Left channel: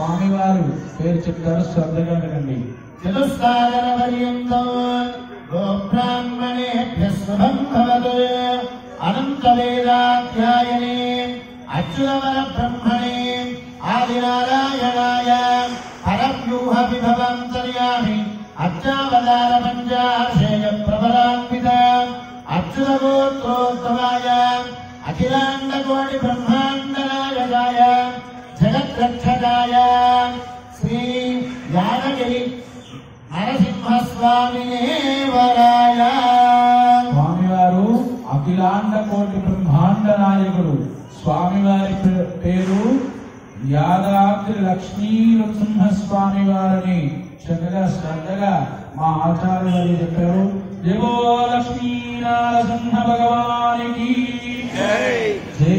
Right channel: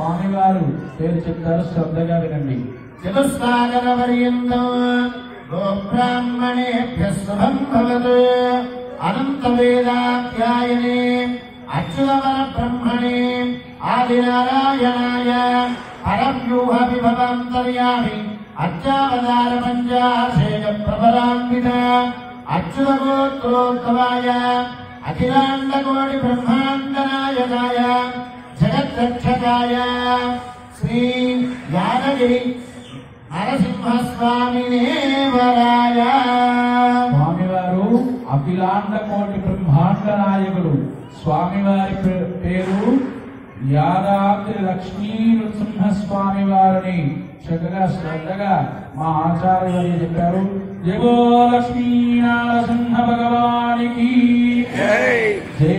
స్వామివారు పేరు చెప్తారు, శ్రద్ధగా వినండి. చతుస్సాగరపర్యంతం గోబ్రాహ్మణేభ్యః శుభం భవతు. అనంత వేదాధ్యాయనే అచ్యుతమన బ్రహ్మణే ఆదినారాయణాయ పరవ్యూహ విభవాంతర్యామి అచ్చావతార పంచాశేయ ప్రబలాన్విత అచ్యుత గోత్రోద్భవాయ అఖిలాండ కోటి బ్రహ్మాండ నాయకాయ జగద్రక్షకాయ శ్రీ యాదగిరి నరసింహస్వామి వరాయ. స్వామివారు అఖిలాండ కోటి బ్రహ్మాండ నాయకుడు. స్వామివారి పేరు యాదాద్రి లక్ష్మీ నృసింహస్వామి వారిని చక్కగా శ్రద్ధగా మా ఆచార్యులు చెప్పారు. జగో లక్ష్మీ నరసింహ భగవానికి జై.